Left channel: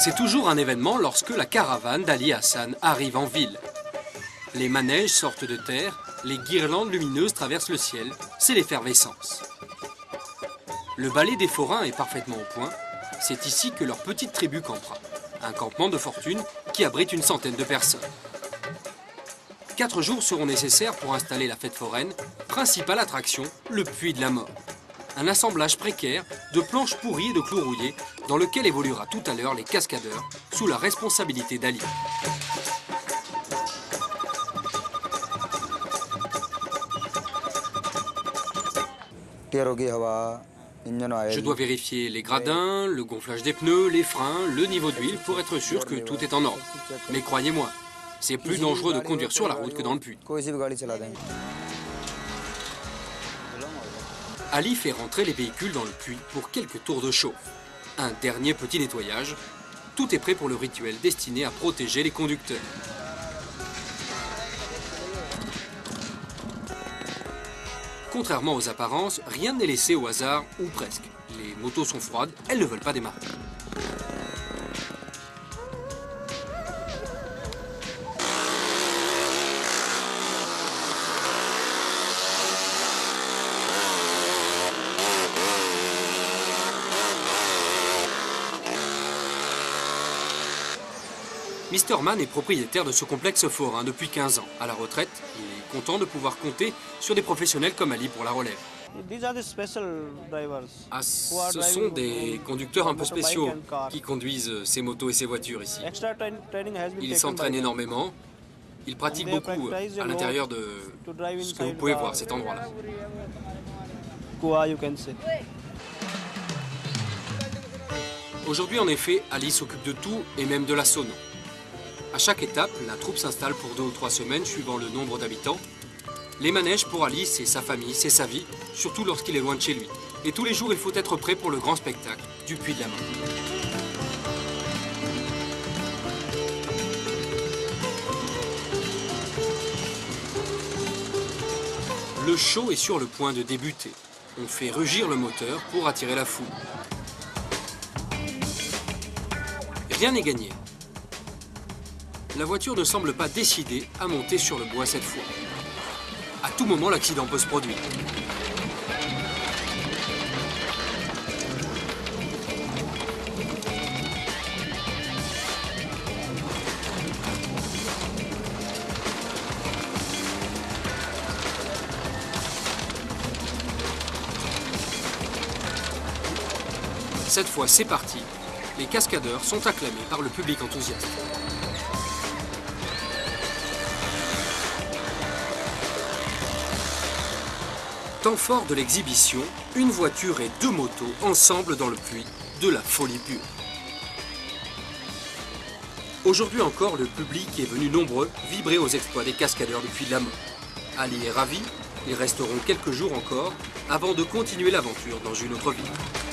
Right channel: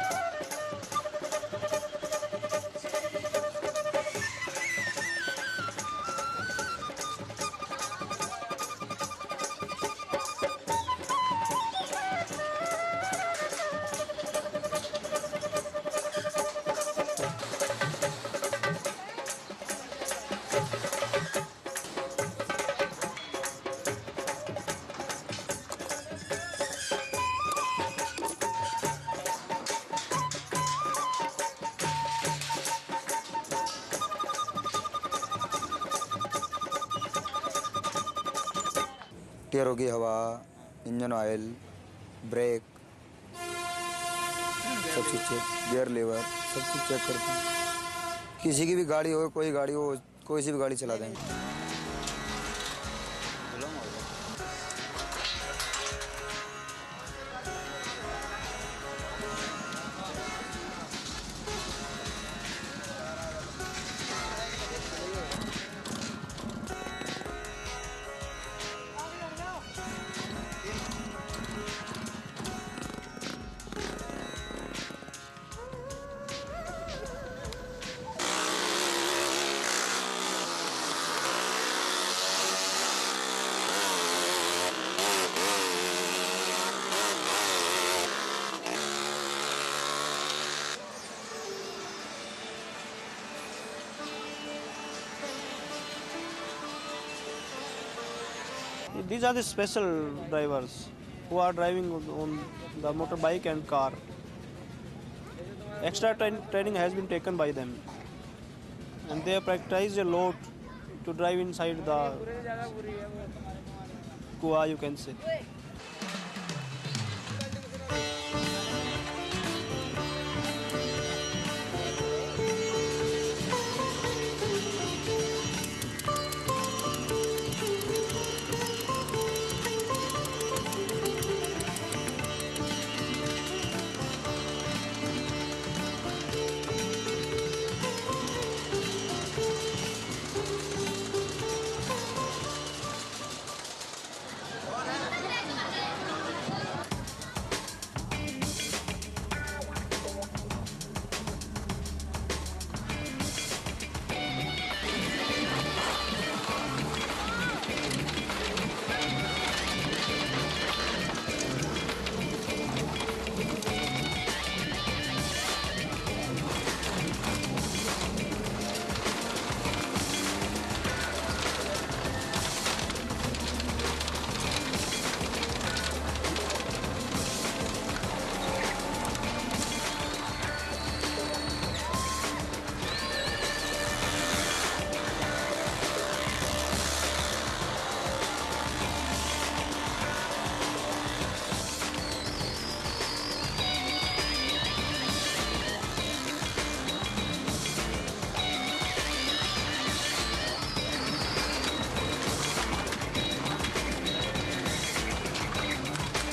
C'est toujours un événement lorsque la caravane d'Ali Hassan arrive en ville. Les manèges sortent de terre, les guirlandes lumineuses traversent le ciel, c'est l'effervescence. Le ballet des forains est parfaitement au point, c'est ici que leur petite tribu campera. Un campement de fortune qui abrite une centaine de personnes. 4 jours seront nécessaires pour installer la fête foraine, principale attraction, le puits de la mort. Un assemblage précaire de planches pourries et de clous rouillés dans lequel évoluera tout à l'heure les cascadeurs sous la responsabilité d'Ali. Je dois vérifier les gradins, le gonflage des pneus, les freins, le niveau d'huile pour être sûr que tout est en ordre. Mais croyez-moi, c'est plus dangereux de conduire sur la route que dans le puits. Ali fait rentrer les véhicules dans le puits pour quelques tours de chauffe. Un dernier petit nettoyage. Tout est prêt pour le rituel destiné à protéger les conducteurs. Contrairement aux apparences, rien n'est laissé au hasard, ou presque. Les motos sont froides, elles ne veulent pas démarrer. Mr. Mann est propriétaire de ce complexe forain depuis 15 ans. À la retraite, il est content de pouvoir compter sur des professionnels comme Ali pour la relève. Ce sont des conducteurs un peu spéciaux qui conduisent ces motos et ces voitures ici. Ils s'entraînent énormément, ils pratiquent beaucoup à l'intérieur de ce que vous pouvez voir, cet endroit-là. Aujourd'hui, en effet, Ali s'occupe de tout et même de la sauna. À chaque étape, la troupe s'installe pour 2 ou 3 semaines suivant le nombre d'habitants. Les manèges pour Ali, c'est sa famille, c'est sa vie, surtout lorsqu'il est loin de chez lui. Et tous les jours, il faut être prêt pour le grand spectacle du puits de la mort. Le show est sur le point de débuter. On fait rugir le moteur pour attirer la foule. Rien n'est gagné. La voiture ne semble pas décidée à monter sur le bois cette fois. À tout moment, l'accident peut se produire. Cette fois, c'est parti. Les cascadeurs sont acclamés par le public enthousiaste. Temps fort de l'exhibition, une voiture et 2 motos ensemble dans le puits, de la folie pure. Aujourd'hui encore, le public est venu nombreux vibrer aux exploits des cascadeurs du puits de la mort. Ali est ravi, ils resteront quelques jours encore avant de continuer l'aventure dans une autre ville.